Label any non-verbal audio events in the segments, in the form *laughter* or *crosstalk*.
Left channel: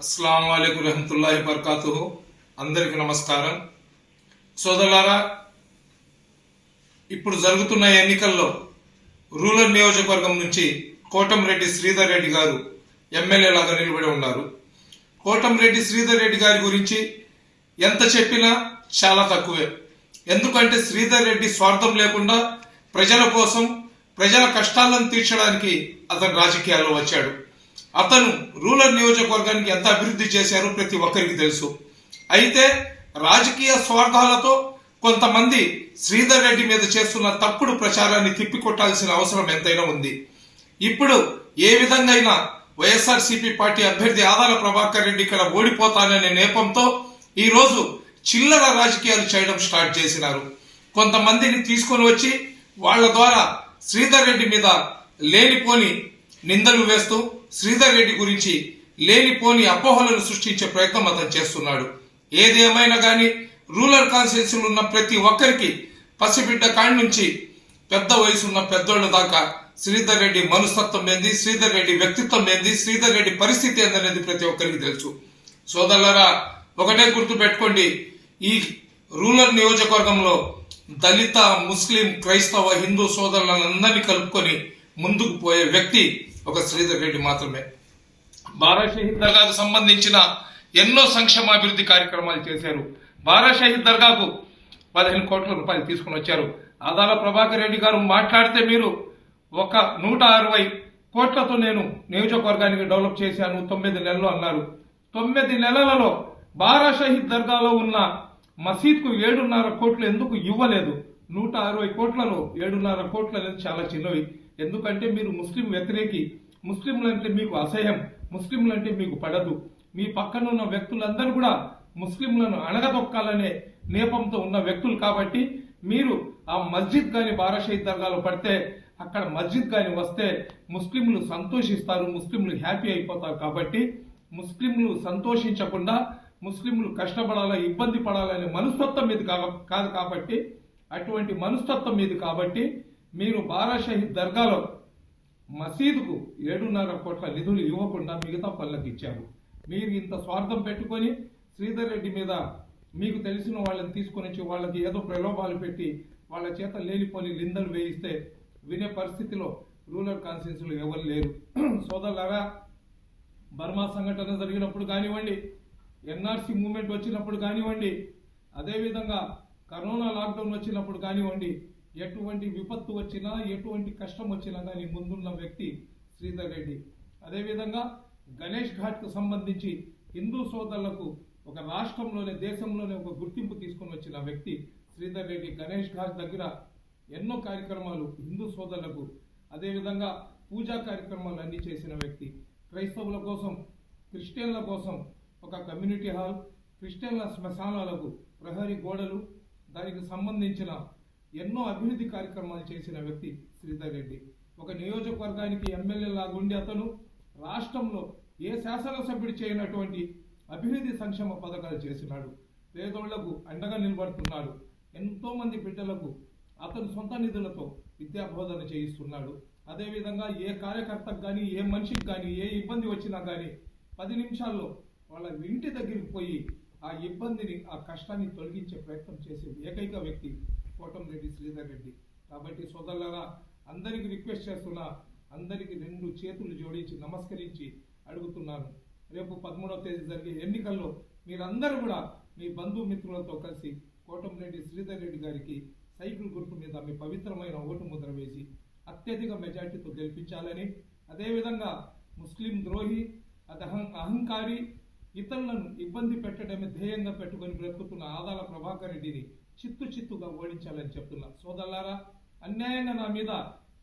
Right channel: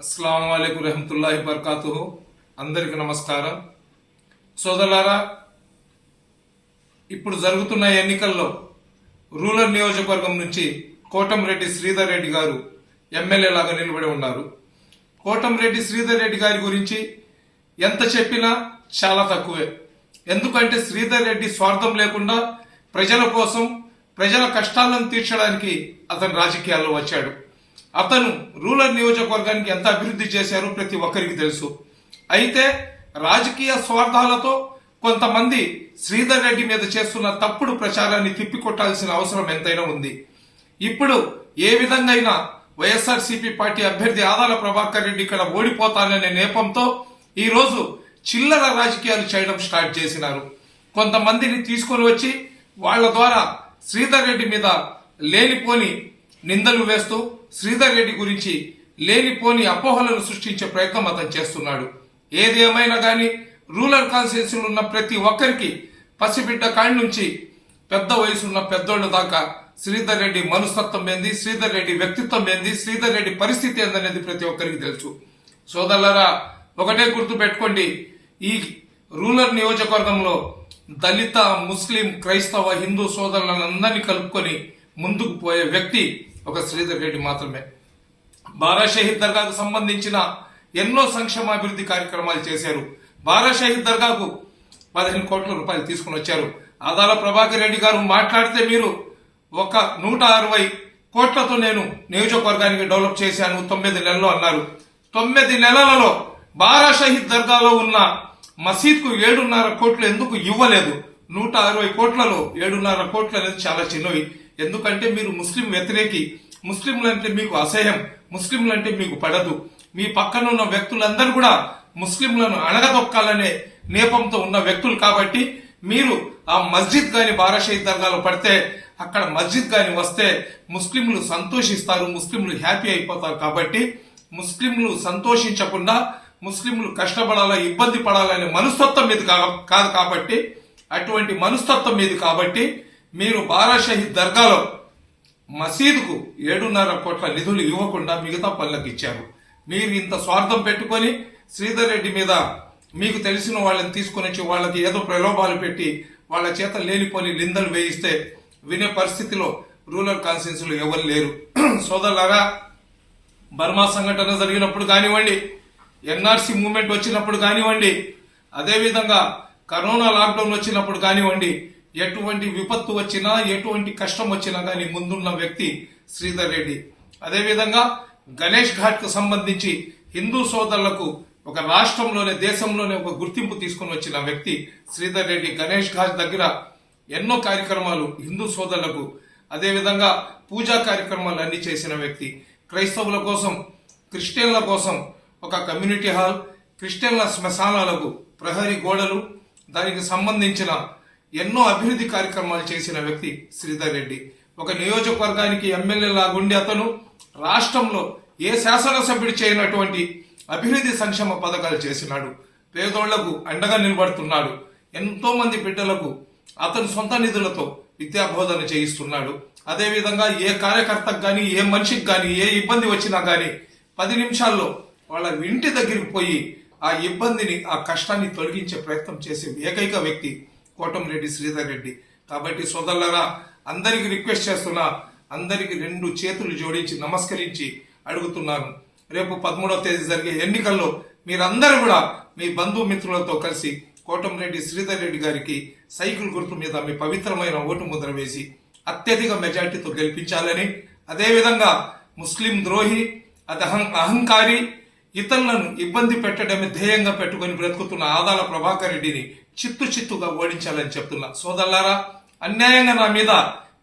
అస్సలం అయికు రహమతుల్లాహి బర్కాతు అందరికీ నమస్కారం. సోదరులారా ఇప్పుడు జరుగుతున్న ఎన్నికల్లో రూరల్ నియోజకవర్గం నుంచి కోటంరెడ్డి శ్రీధర్ రెడ్డి గారు ఎమ్మెల్యే లాగా నిలబడి ఉన్నారు. కోటంరెడ్డి శ్రీధర్ రెడ్డి గారి గురించి ఎంత చెప్పినా చాలా తక్కువే. ఎందుకంటే శ్రీధర్ రెడ్డి స్వార్థం లేకుండా ప్రజల కోసం ప్రజల కష్టాలను తీర్చడానికి అతను రాజకీయాల్లో వచ్చాడు. అతను రూరల్ నియోజకవర్గానికి ఎంత అభివృద్ధి చేశారో ప్రతి ఒక్కరికి తెలుసు. అయితే రాజకీయ స్వార్థాలతో కొంతమంది శ్రీధర్ రెడ్డి మీద చేస్తున్న తప్పుడు ప్రచారాన్ని తిప్పికొట్టాల్సిన అవసరం ఎంతైనా ఉంది. ఇప్పుడు ఏ విధంగా వైఎస్ఆర్సీపీ పార్టీ అభ్యర్థి ఆదాల ప్రభాకర్ రెడ్డి ఇక్కడ ఓడిపోతాననే నేపంతో ఈరోజు చిల్లర రాజకీయాలు చేయడం స్టార్ట్ చేసినారు. కొంతమందిని తీసుకొని వచ్చి వాళ్ళ ద్వారా శ్రీధర్ రెడ్డి మీద లేనిపోని నిందలు వేస్తూ శ్రీధర్ రెడ్డి గురించి లేనిపోని అపోహలను సృష్టించే ప్రయత్నం అతను చేస్తున్నాడు. ఏది ఏమైనా కానీ రూరల్ కాన్స్టిట్యూన్సీలు ఉన్న ప్రతి ఒక్కరికి పసిబిడ్డ కాడి నుంచి పెద్ద వయసున్న పెద్దోళ్ళ దాకా శ్రీధర్ రెడ్డి మనస్తత్వం ఏంది? శ్రీధర్ రెడ్డి వ్యక్తిత్వం ఏంది? శ్రీధర్ రెడ్డి పరిస్థితి ఏందనేది ప్రతి ఒక్కరికి తెలుసు. సోదరులరా ఒకటే గుర్తు పెట్టుకోండి. ఈ రూరల్ నియోజకవర్గంలో దళిత ముస్లిం క్రైస్తవ హిందూ సోదరులందరినీ కలుపుకొని ముందుకు పోయే వ్యక్తి ఒక శ్రీధర్ రెడ్డి మాత్రమే. బారా షహీద్ దర్గాకు సంబంధించిన ఎన్నో సంక్షేమ అభివృద్ధి కార్యక్రమాలు చేశారు. బారాషహీద్ దర్గాకు పదిహేను కోట్ల రూపాయలు తీసుకుని వచ్చారు. ఆదాల ప్రభాకర్ రెడ్డి గారు మాట్లాడితే మీరు ఒక నూట అరవై కోట్లతో నేను నియోజకవర్గానికి డెవలప్ చేశాను తొమ్మిది నెలలు అన్నారు. తొమ్మిది నెలలలో బారా షహీద్ దర్గాలో ఉన్న మసీద్కు ఏడున్నర కోట్లు ఎందుకు ఇవ్వలేదు? నూట అరవై కోట్లలో ఏడున్నర కోట్లు అనేది చాలా చిన్నవి. ఎందుకంటే మీరు ముస్లిం వ్యతిరేకి. ముస్లింలంటే మీకు అసహ్యం. ముస్లింలంటే మీకు పడదు. మీ పక్కన ఉన్న వ్యక్తులందరూ కూడా ముస్లింలను అణగదొక్కాలనే నేపంతో ఉన్న వ్యక్తులు కాబట్టి మీరు ఆ మస్జిద్ గాని బారాషహీద్ దర్గాలో పడితే అక్కడ మస్జిద్ గాని వస్తే ముస్లింలు సంతోషిస్తారు ముస్లింలు హ్యాపీ అయిపోతారు కాబట్టి ముస్లింలు సంతోషించకుండా ముస్లింలు కష్టపడాలా ఇబ్బంది పడాలనే మనస్తత్వం మీద కా- కాదు కాబట్టి అటువంటి మనస్తత్వం మీద కాబట్టి మీరు బారాషహీద్ దర్గాలో మసీదుకు ఏడున్నర కోట్ల నిధులు ఇవ్వకుండా మిగతా పనులకు ఇచ్చారు. మీరు ఇంత స్వార్థం పెట్టుకొని శ్రీధర్ రెడ్డి మీద మీకు తెలిసిన వాళ్ళని తీసుకొని వచ్చి వాళ్ళకి ఏదో ప్రలోభాలు పెట్టి వాళ్ళ చేత లేనిపోని నిందలు వేయిస్తే వినే పరిస్థితిలో రూరల్ కాన్స్టిట్యూన్సీలో ఎవరు లేరు. *clears throat* సోదరులారా బర్మా సంఘటన జరిగినప్పుడు కానివ్వండి ఎన్ఆర్సీ మూవ్మెంట్ వచ్చినప్పుడు కానివ్వండి అదేవిధంగా కరోనా లాక్డౌన్ వచ్చినప్పుడు కానివ్వండి ఎటువంటి విపత్తు వచ్చినా ఎటువంటి కష్టం వచ్చినా కానీ ముందున్న వ్యక్తి శ్రీధర్ రెడ్డి. అదేవిధంగా గణేష్ ఘాట్కు సంబంధించి హిందూ సోదరులకు ఒక రాష్ట్రంలోనే దేశంలోనే ఒక గుర్తింపు తీసుకుని వచ్చిన వ్యక్తి శ్రీధర్ రెడ్డి గణేష్ ఘాట్ దగ్గర ఎన్నో కార్యక్రమాలు హిందూ సోదరులకు అదేవిధంగా పూజా కార్యక్రమాలు అన్ని చేసిన వ్యక్తి. క్రైస్తవుల కోసం క్రిస్టియన్ల కోసం ఒక కమ్యూనిటీ హాల్ క్రిస్టియన్ల శ్మశానాలకు ప్రహరీ గోడలు దానికి సంబంధించిన ఎన్నో అభివృద్ధి కార్యక్రమాలు చేసిన వ్యక్తి శ్రీధర్ రెడ్డి. ఒక నియోజకవర్గానికి ఎమ్మెల్యే లాగుండి అతను రాష్ట్రంలో ఏ శాసనసభ్యుడు చేయనటువంటి అభివృద్ధి సంక్షేమ పథకాలు చేసినాడు. పేదోళ్ళకు అండగా నిలబడుతున్నాడు. ఎంతో మంది బిడ్డలకు అతని సొంత నిధులతో విద్యా బోధన చేయిస్తున్నాడు. అదేవిధంగా ఏ కార్యకర్తకు కానీ ఏ మనిషికి కానీ ఏ ఇబ్బంది వచ్చినా కానీ పది నిమిషాల్లో వాళ్ళ ఇంటి దగ్గరికి పోయి ఆ ఇబ్బందిని ఆ కష్టాన్ని తొలగించే ప్రయత్నం చేసే ఏకైక వ్యక్తి కోటంరెడ్డి శ్రీధర్ రెడ్డి. కాబట్టి సోదరులరా అందరికీ రిక్వెస్ట్ చేస్తున్నా అందరికీ రెండు చేతులు జోడించి నమస్కరించి అడుగుతున్నాను. రేపు పదమూడవ తేదీ జరిగే ఎన్నికల్లో మీరందరూ కూడా మీ బంధుమిత్రులతో కలిసి కోటంరెడ్డి శ్రీధర్ రెడ్డి గారికి సైకిల్ గుర్తు మీద మీ పవిత్రమైన ఓటు ముద్ర వేసి అత్యధిక మెజార్టీతో గెలిపించాలని అదేవిధంగా ముస్లిం ద్రోహి అది అహం అహంకారి ఇతరులను ఇబ్బంది పెట్టడమే ధ్యేయంగా పెట్టుకొని బ్రతుకుతున్న ఆదాల ప్రభాకర్ రెడ్డిని చిత్తు చిత్తుగా ఓడించాలని చెప్తున్నా. సోదరులారా అన్యాయంగా నా మీద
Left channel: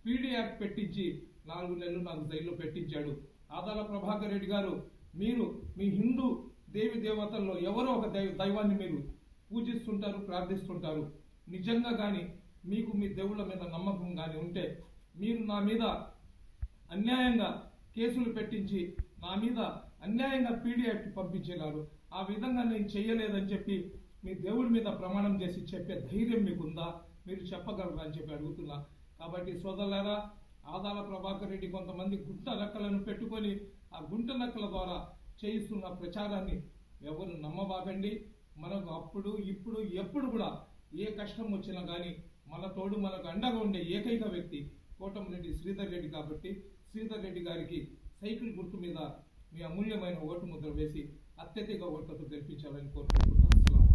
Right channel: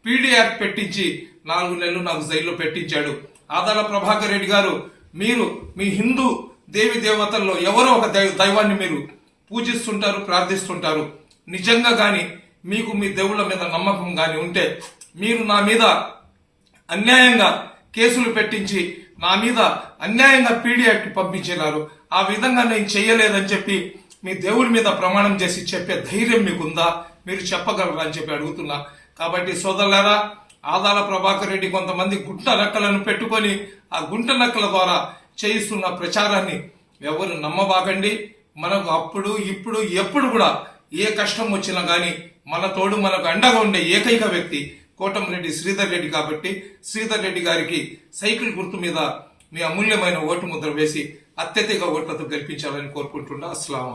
పీడీఆర్ పెట్టించి నాలుగు నెలలు నాకు జైల్లో పెట్టించాడు. ఆదాల ప్రభాకర్ రెడ్డి గారు మీరు మీ హిందూ దేవి దేవతల్లో ఎవరో ఒక దైవ- దైవాన్ని మీరు పూజిస్తుంటారు ప్రార్థిస్తుంటారు. నిజంగా కానీ మీకు మీ దేవుళ్ళ మీద నమ్మకం కానీ ఉంటే మీరు నా మీద అన్యాయంగా కేసులు పెట్టించి నా మీద అన్యాయంగా పీడియాకి పంపించినారు ఆ విధంగా నేను చేయలేదని చెప్పి మీ దేవుడి మీద ప్రమాణం చేసి చెప్పే ధైర్యం మీకుందా? మీరు చెప్పగలరా అని చెప్పి అడుగుతున్నా. కాబట్టి సోదరులారా ఆదాల ప్రభాకర్ రెడ్డి కొంతమంది గుంట నక్కలను పెట్టుకొని ఆ గుంట నక్కల ద్వారా చేయిస్తున్న ప్రచారాన్ని ఎవరు నమ్మబాకండి. మనకు అప్పుడు ఇప్పుడు ఎప్పుడు కూడా ఏ కష్టం వచ్చినా కానీ మన తోడు మనకు అండగా ఉండే ఏకైక వ్యక్తి కోటంరెడ్డి శ్రీధర్ రెడ్డి కాబట్టి శ్రీధర్ రెడ్డి గారికి సైకిల్ గుర్తు మీద మీ అమూల్యమైన ఓటు ముద్ర వేసి అత్యధిక ఓట్లతో గెలిపించాలని కోరుకుంటున్నా. అస్సలం